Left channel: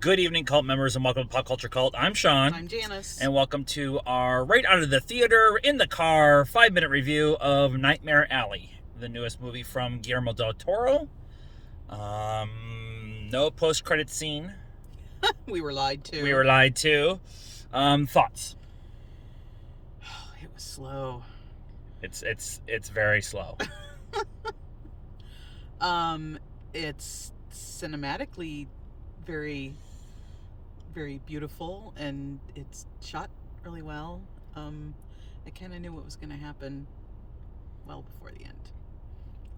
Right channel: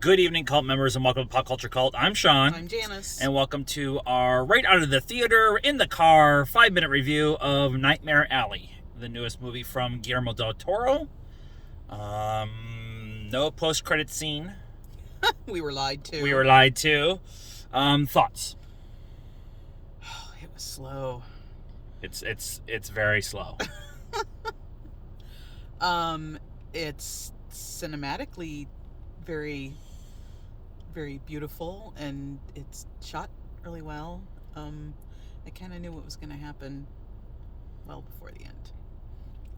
Good evening, cult members, and welcome to Pop Culture Cult. I'm Sean. I'm Janice. And welcome to our right out of the theater, in the car, 5-minute review of Nightmare Alley, the newest movie from Guillermo del Toro. No post-credit scene. We were lied to. Thoughts? It was slow. It's very slow. It's cinematically very, very beautiful, and it's shot really well. I kind of knew what was going to happen well before the end.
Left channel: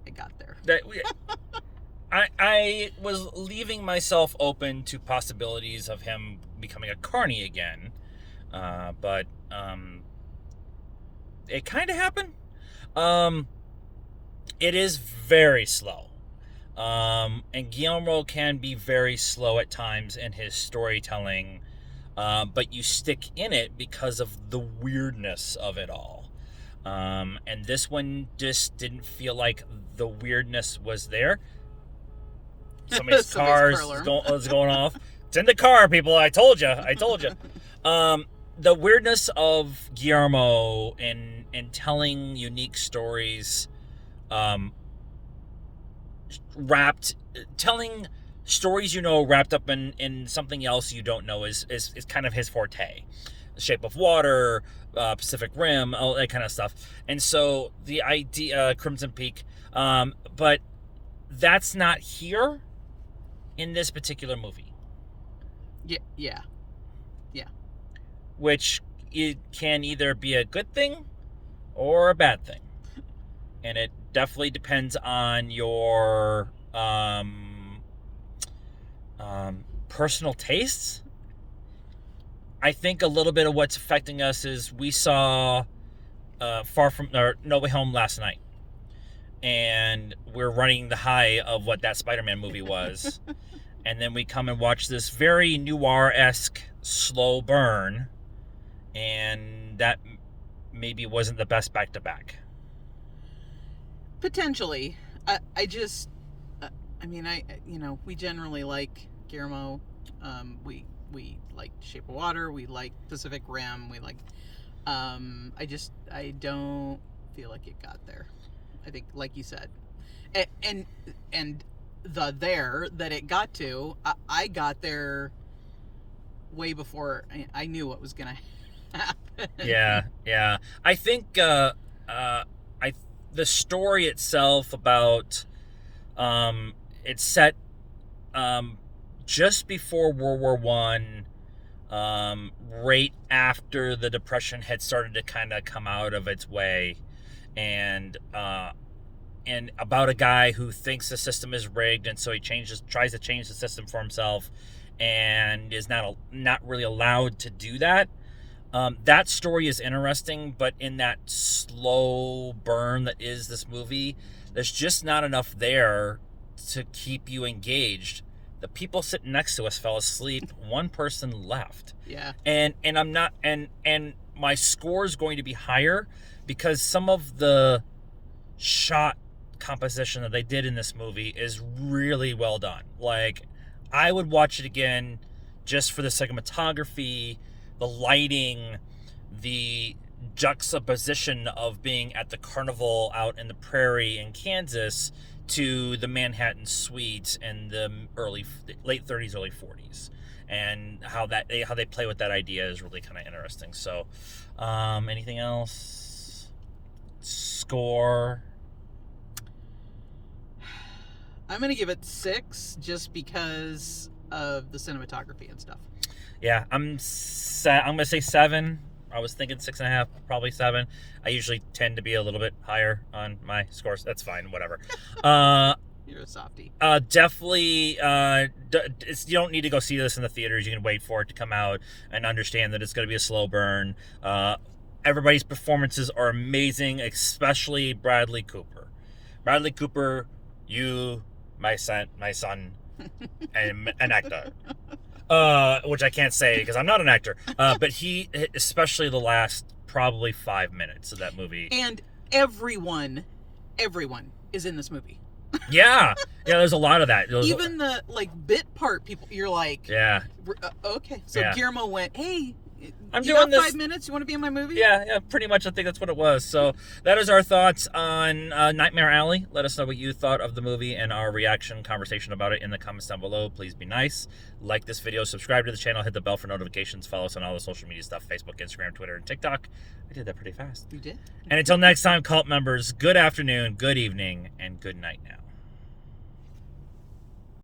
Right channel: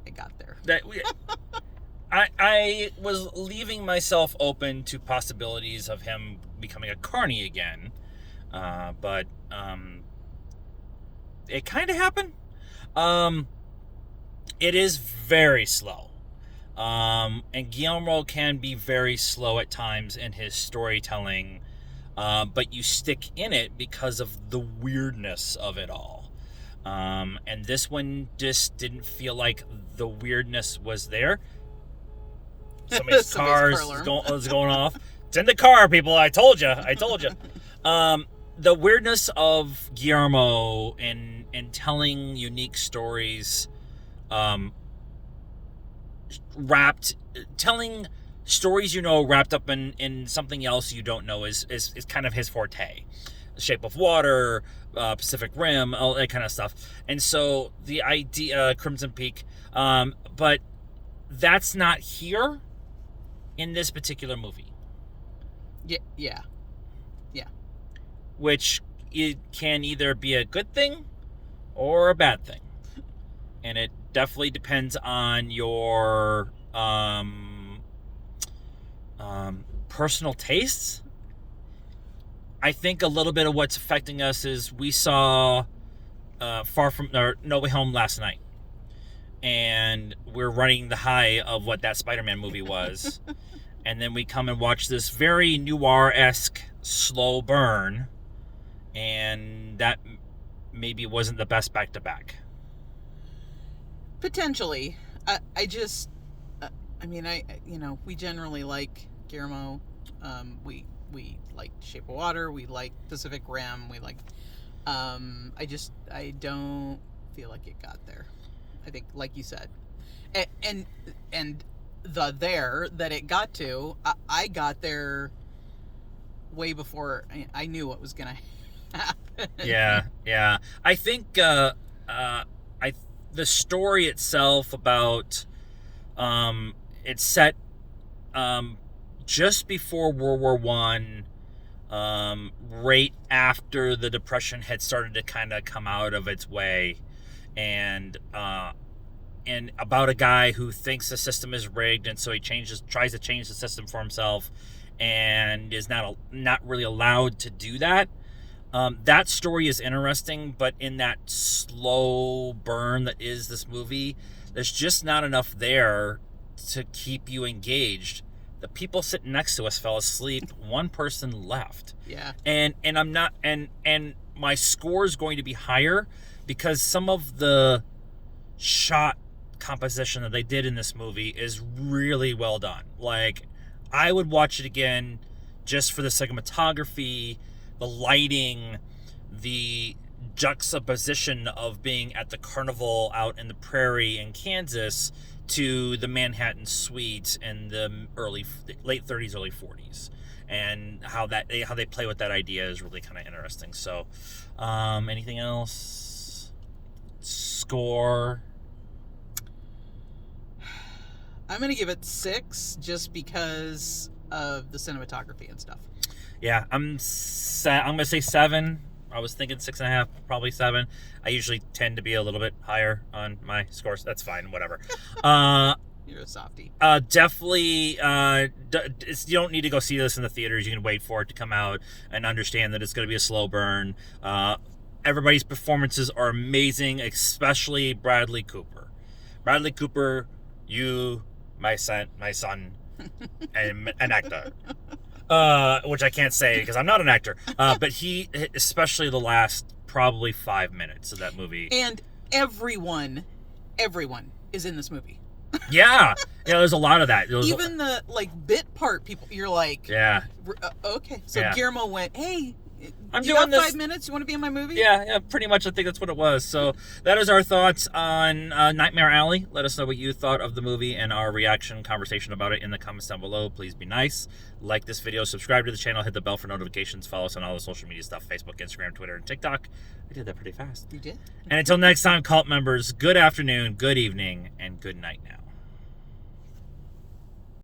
I got there. I was leaving myself open to possibilities of him becoming a carny again, but it kind of happened. It is very slow. And Guillermo can be very slow at times in his storytelling, but you stick in it because of the weirdness of it all. And this one just didn't feel like the weirdness was there. Somebody's car is going off. It's in the car, people. I told you. The weirdness of Guillermo in telling unique stories, telling stories wrapped up in something else you don't know is kind of his forte. The Shape of Water, Pacific Rim, all that kind of stuff. And so the idea, Crimson Peak, but that's not here in this particular movie. Yeah. Which it can either be a good thing or a bad thing. And it definitely depends on your personal tastes. I think a little bit of what's affecting us is we saw No Way Home last night, and we're running the high of what that Spider-Man movie was. And then we come and watch this very noir-esque slow burn, and that maybe wasn't the best back-to-back. Potentially. We generally like Guillermo. We like Shape of Water. We like Pacific Rim. We like. I don't feel like it got there. I think, like you said, and the there that it got to, I got there way before I knew what was gonna happen. Yeah. I think the story itself about it's set just before World War One, right after the Depression had started to kind of come out of its way, and about a guy who thinks the system is rigged, and so he tries to change the system for himself, and is not really allowed to do that. That story is interesting, but in that slow burn that is this movie, there's just not enough there to keep you engaged. The people sitting next to us fell asleep. One person left. Yeah. And I'm not, and my score is going to be higher because some of the shot composition that they did in this movie is really well done. Like, I would watch it again just for the cinematography, the lighting, the juxtaposition of being at the carnival out in the prairie in Kansas to the Manhattan suites in the late 30s, early 40s, and how they play with that idea is really kind of interesting. So, anything else? Score? I'm gonna give it 6 just because of the cinematography and stuff. Yeah, I'm gonna say 7. I was thinking 6.5, probably 7. I usually tend to be a little bit higher on my scores. That's fine, whatever. You're a softie. Definitely, you don't need to go see this in the theaters. You can wait for it to come out and understand that it's going to be a slow burn. Everybody's performances are amazing, especially Bradley Cooper. Bradley Cooper, you, my son, and an actor. Which I can't say because I'm not an actor. But he, especially the last probably 5 minutes of that movie. And everyone is in this movie. Yeah, there's a lot of that. Even the like bit part, people, you're like, yeah, okay. So Yeah. Guillermo went, hey, I'm you doing got this. 5 minutes? You want to be in my movie? Yeah, pretty much. I think that's what it was. So that is our thoughts on Nightmare Alley. Let us know what you thought of the movie and our reaction conversation about it in the comments down below. Please be nice. Like this video, subscribe to the channel, hit the bell for notifications, follow us on all the social media stuff, Facebook, Instagram, Twitter, and TikTok. I did that pretty fast. You did. And until next time, cult members, good afternoon, good evening, and good night now.